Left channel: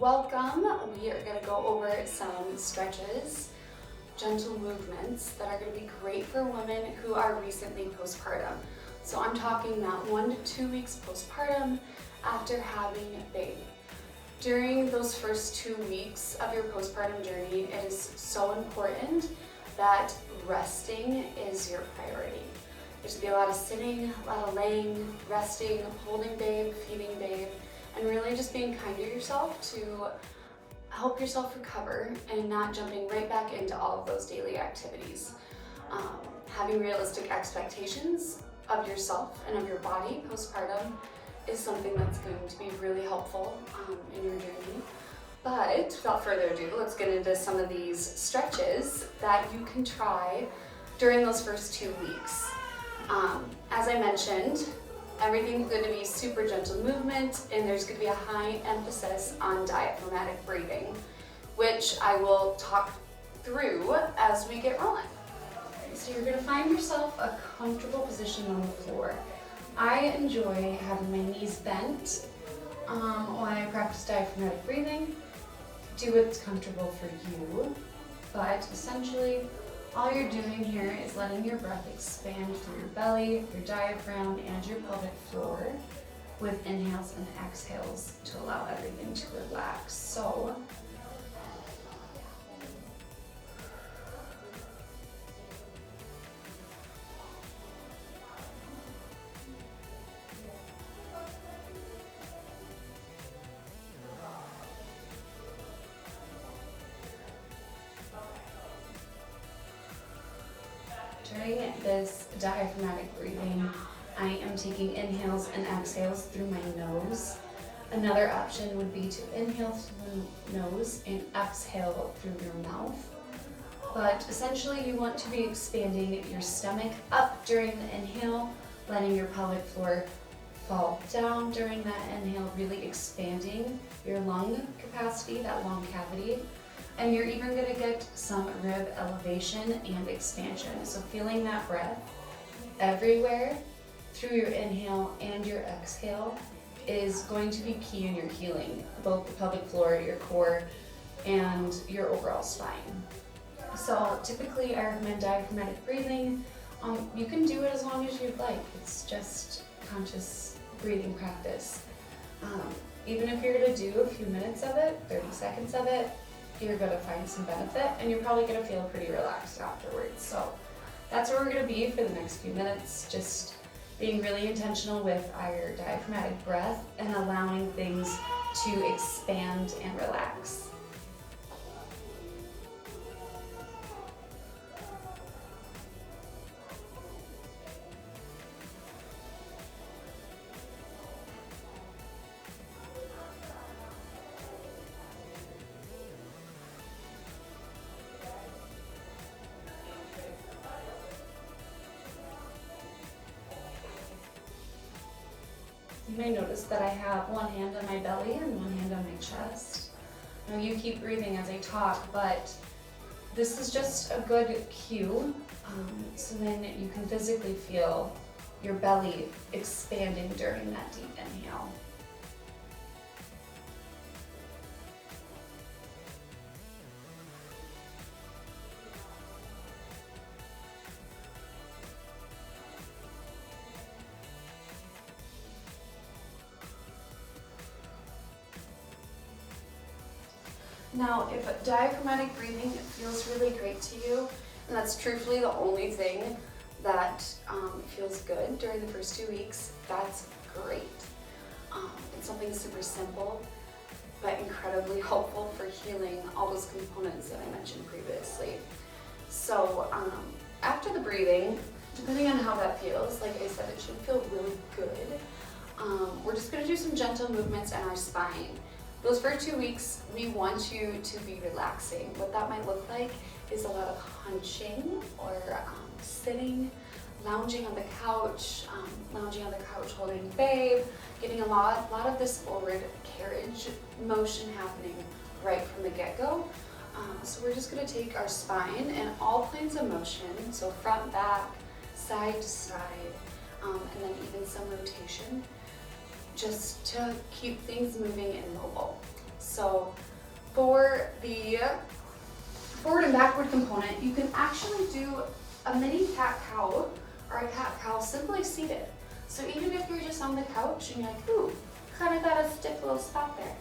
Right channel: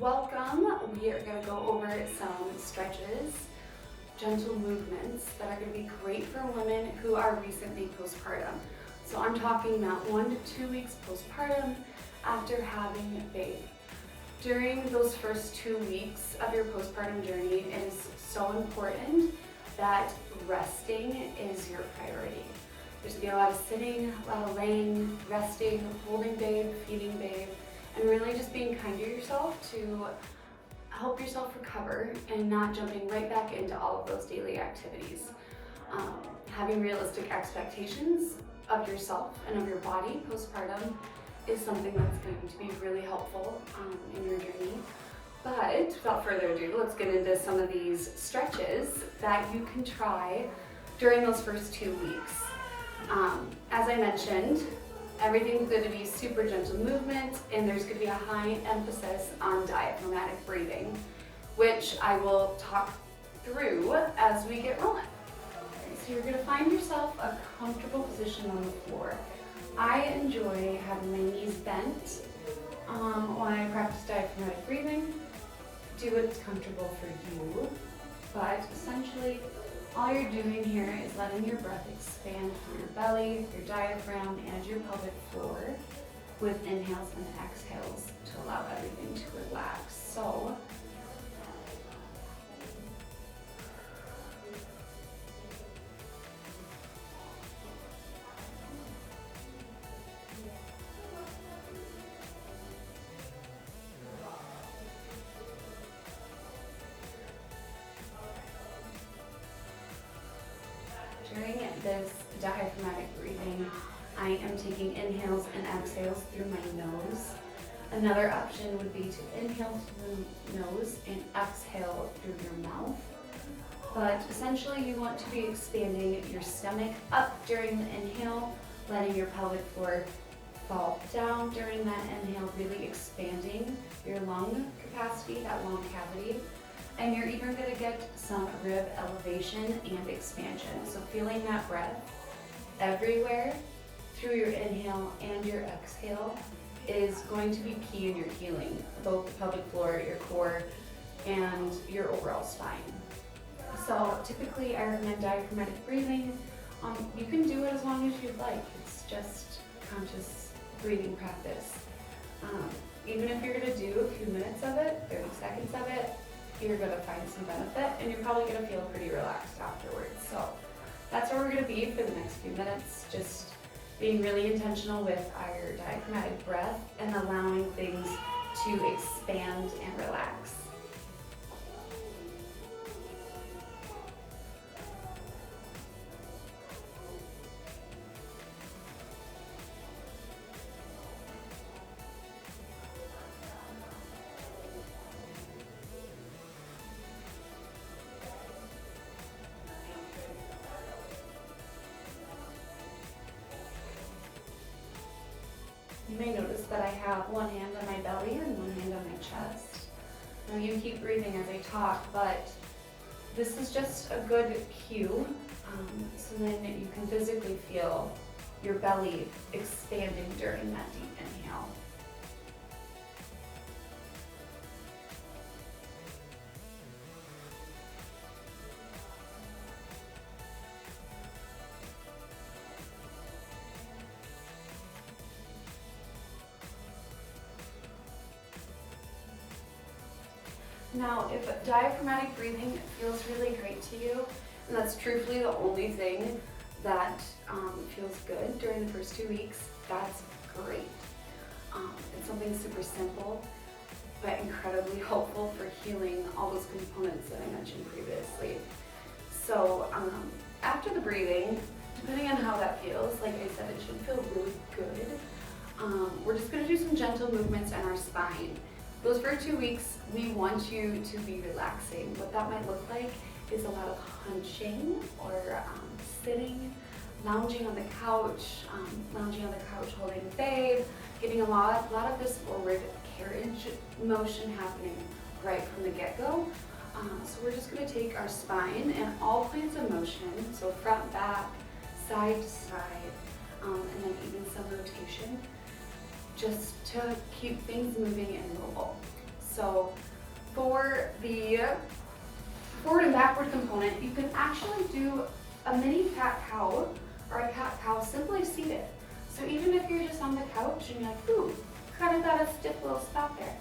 Welcome. We are going to go over some stretches, gentle movements that are going to be great for women who are recently postpartum. So I'm talking not 1 to 2 weeks postpartum after having a baby. During those first 2 weeks of your postpartum journey, it is so important that resting is your priority. There's going to be a lot of sitting, a lot of laying, resting, holding babe, feeding babe, and really just being kind to yourself to help yourself recover and not jumping right back into all of those daily activities. Having realistic expectations of yourself and of your body postpartum is something that's going to be really helpful in your journey. But without further ado, let's get into some of these stretches that you can try during those first 2 weeks. As I mentioned, everything's going to be super gentle movement, and there's going to be a high emphasis on diaphragmatic breathing, which I will talk through as we get rolling. Okay, so you're going to find yourself a comfortable position on the floor. I enjoy having my knees bent when I practice diaphragmatic breathing. Do what's comfortable for you, but essentially all you're doing here is letting your breath expand through your belly, your diaphragm, and your pelvic floor with inhales and exhales to allow everything to relax. So during this diaphragmatic breathing, I am taking inhales and exhales through my nose. Another option would be to inhale through the nose and exhale through your mouth. But essentially you want to be expanding your stomach up during the inhale, letting your pelvic floor fall down during that inhale, really expanding your lung capacity, that lung cavity. And you're even going to get some rib elevation and expansion. So feeling that breath everywhere through your inhale and your exhale is going to be key in your healing, both the pelvic floor, your core, and your overall spine. So typically I recommend diaphragmatic breathing. You can do it as long as you'd like. It's just conscious breathing practice. Even if you're going to do a few minutes of it, 30 seconds of it, you're going to find some benefit, and you're probably going to feel pretty relaxed afterwards. So that's where we're going to be for the next few minutes, just being really intentional with our diaphragmatic breath and allowing things to expand and relax. You may notice that I have one hand on my belly and one hand on my chest. Now you keep breathing as I talk, but this is just a good cue, so then you can physically feel your belly expanding during that deep inhale. Now, if diaphragmatic breathing feels really great to you, and that's truthfully the only thing that feels good during the first 2 weeks, that's great. It's something super simple, but incredibly helpful for healing all those components that I mentioned previously. So after the breathing, depending on how that feels, like I said, it should feel really good. We're just going to do some gentle movements in our spine. Those first 2 weeks, we want you to be relaxing. What that might look like is a lot of hunching or sitting, lounging on the couch holding babe, getting a lot of this forward carriage motion happening right from the get-go. So we're just going to take our spine and all planes of motion, so front, back, side to side, and then even some rotation, just to keep things moving and mobile. So for the forward and backward component, you can actually do a mini cat-cow or a cat-cow simply seated. So even if you're just on the couch and you're like, ooh, kind of got a stiff little spot there,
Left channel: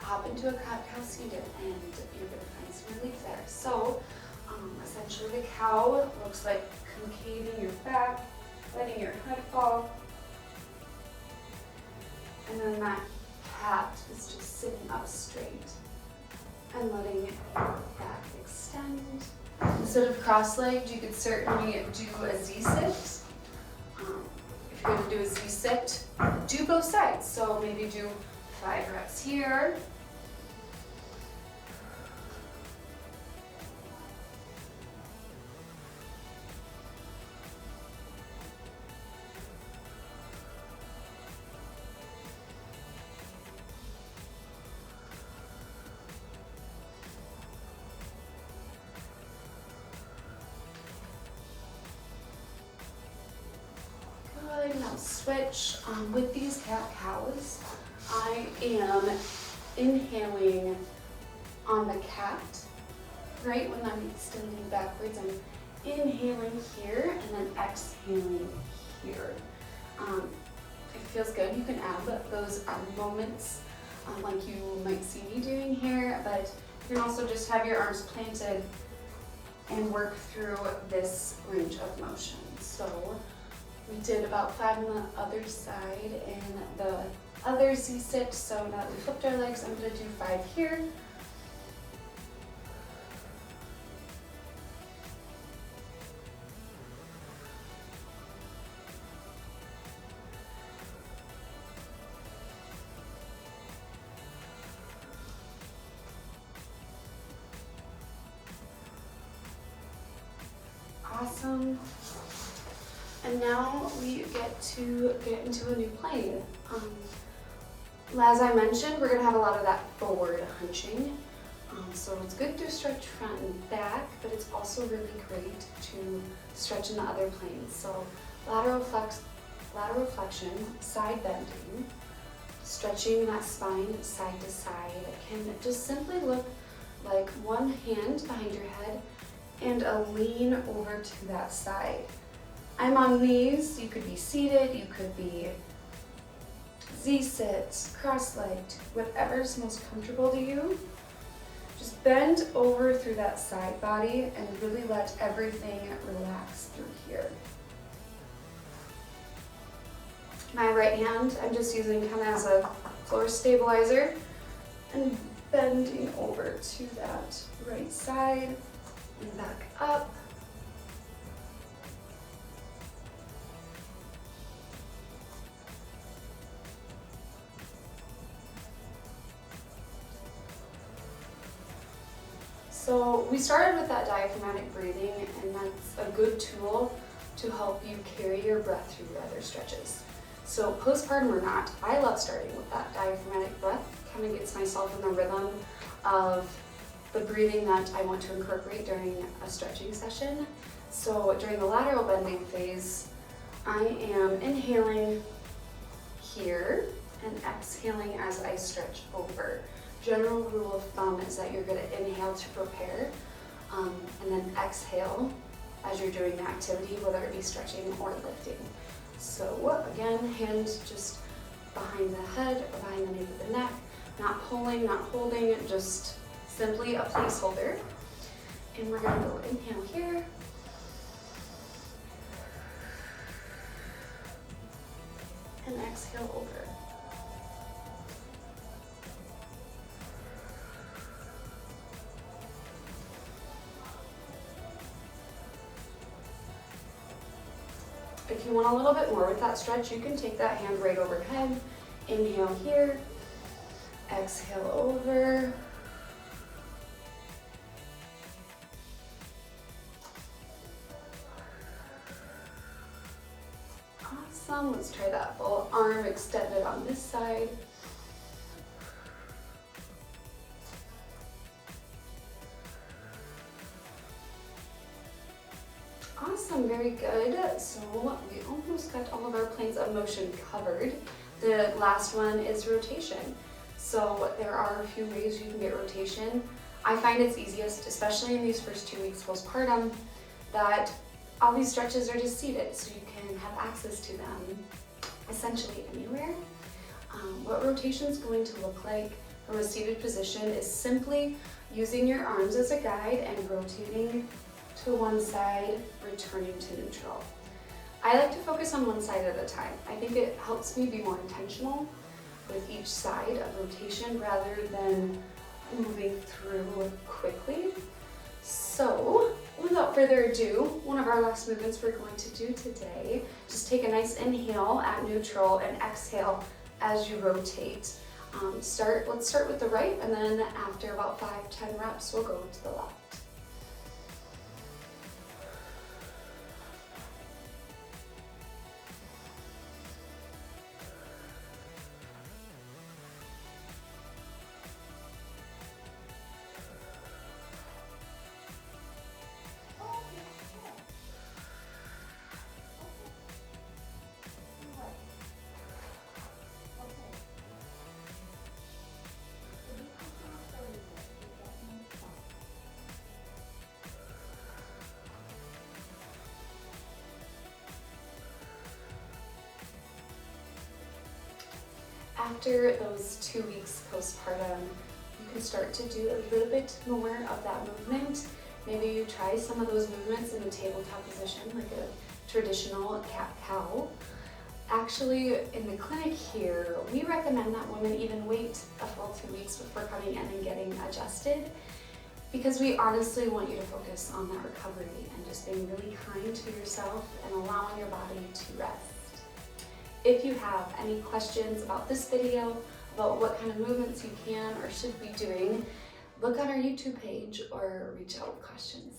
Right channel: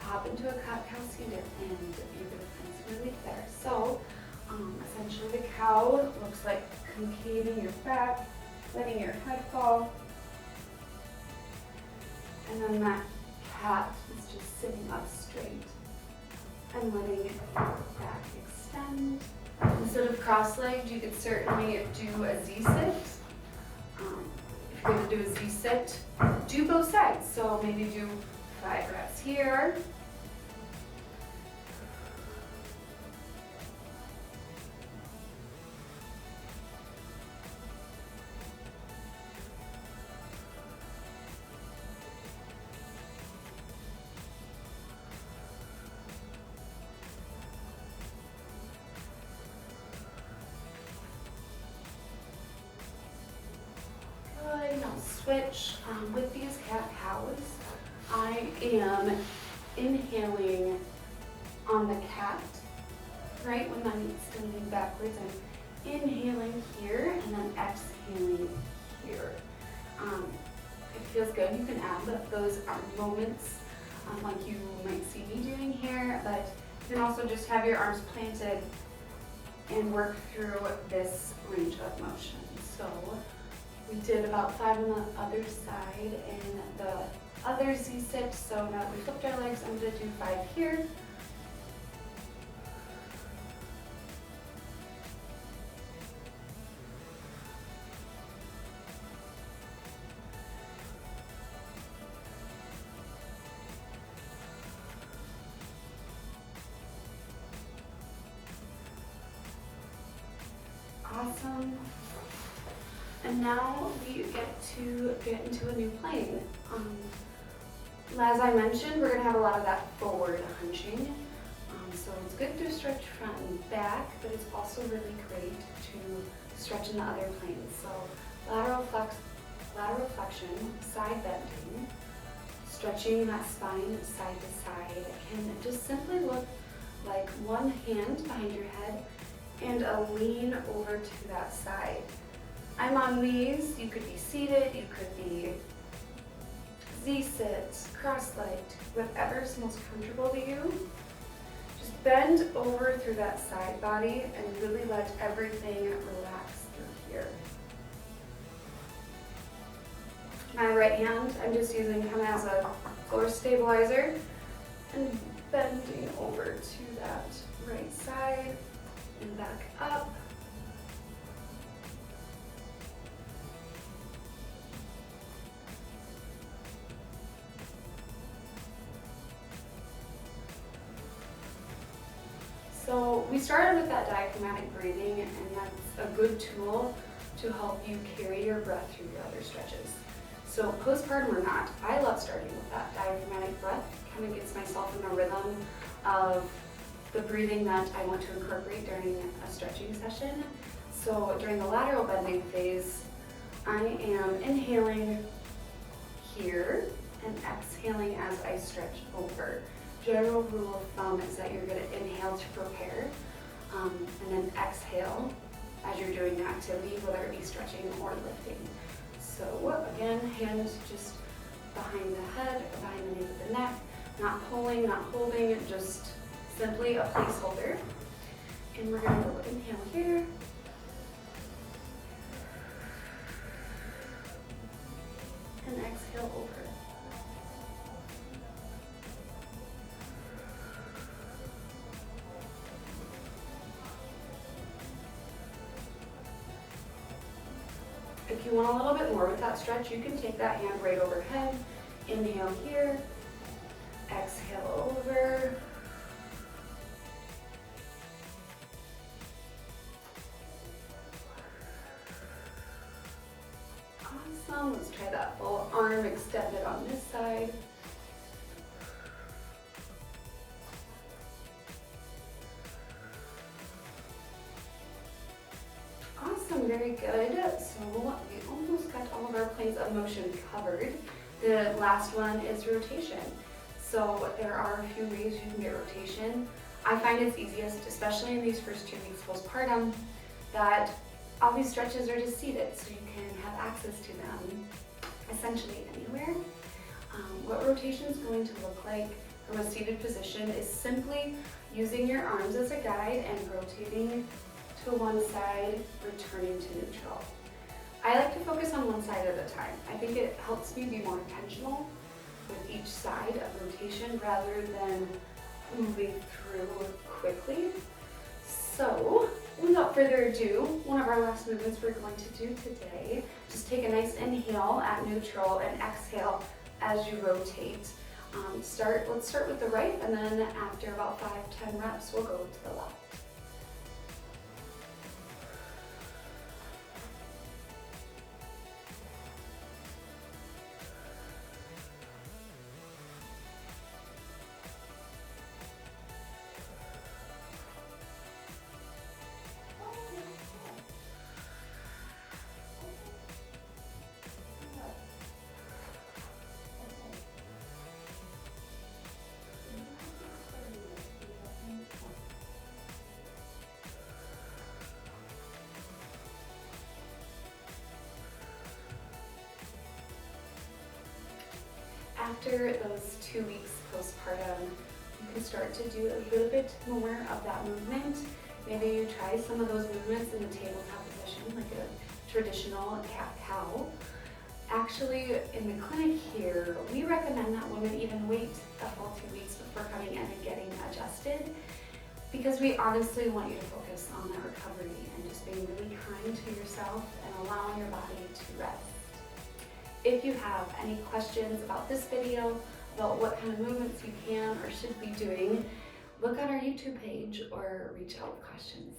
hop into a cat-cow seated and you get a nice relief there. So essentially the cow looks like concaving your back, letting your head fall, and then that cat is just sitting up straight and letting your back extend. Instead of cross-legged, you could certainly do a Z-sit. If you're going to do a Z-sit, do both sides. So maybe do 5 reps here. Switch. With these cat-cows, I am inhaling on the cat, right when I'm extending backwards. I'm inhaling here and then exhaling here. It feels good. You can add those moments like you might see me doing here, but you can also just have your arms planted and work through this range of motion. So we did about 5 on the other side and the other Z-sit. So now that we flipped our legs, I'm going to do 5 here. Awesome. And now we get into a new plane. As I mentioned, we're going to have a lot of that forward hunching. So it's good to stretch front and back, but it's also really great to stretch in the other planes. So lateral flexion, side bending, stretching that spine side to side can just simply look like one hand behind your head and a lean over to that side. I'm on knees. You could be seated, you could be Z-sit, cross-legged, whatever's most comfortable to you. Just bend over through that side body and really let everything relax through here. My right hand, I'm just using kind of as a floor stabilizer and bending over to that right side and back up. So we started with that diaphragmatic breathing, and that's a good tool to help you carry your breath through your other stretches. So postpartum or not, I love starting with that diaphragmatic breath. Kind of gets myself in the rhythm of the breathing that I want to incorporate during a stretching session. So during the lateral bending phase, I am inhaling here and exhaling as I stretch over. General rule of thumb is that you're going to inhale to prepare and then exhale as you're doing the activity, whether it be stretching or lifting. So again, hands just behind the head or behind the nape of the neck, not pulling, not holding, just simply a placeholder. And we're going to go inhale here. And exhale over. If you want a little bit more with that stretch, you can take that hand right overhead. Inhale here, exhale over. Awesome, let's try that full arm extended on this side. Awesome, very good. So we almost got all of our planes of motion covered. The last one is rotation. So there are a few ways you can get rotation. I find it's easiest, especially in these first 2 weeks postpartum, that all these stretches are just seated, so you can have access to them essentially anywhere. What rotation is going to look like from a seated position is simply using your arms as a guide and rotating to one side, returning to neutral. I like to focus on one side at a time. I think it helps me be more intentional with each side of rotation rather than moving through quickly. So, without further ado, one of our last movements we're going to do today, just take a nice inhale at neutral and exhale as you rotate. Let's start with the right, and then after about 5-10 reps, we'll go to the left. After those 2 weeks postpartum, you can start to do a little bit more of that movement. Maybe you try some of those movements in the tabletop position, like a traditional cat-cow. Actually, in the clinic here, we recommend that women even wait a full 2 weeks before coming in and getting adjusted, because we honestly want you to focus on that recovery and just being really kind to yourself and allowing your body to rest. If you have any questions about this video, about what kind of movements you can or should be doing, look on our YouTube page or reach out with questions.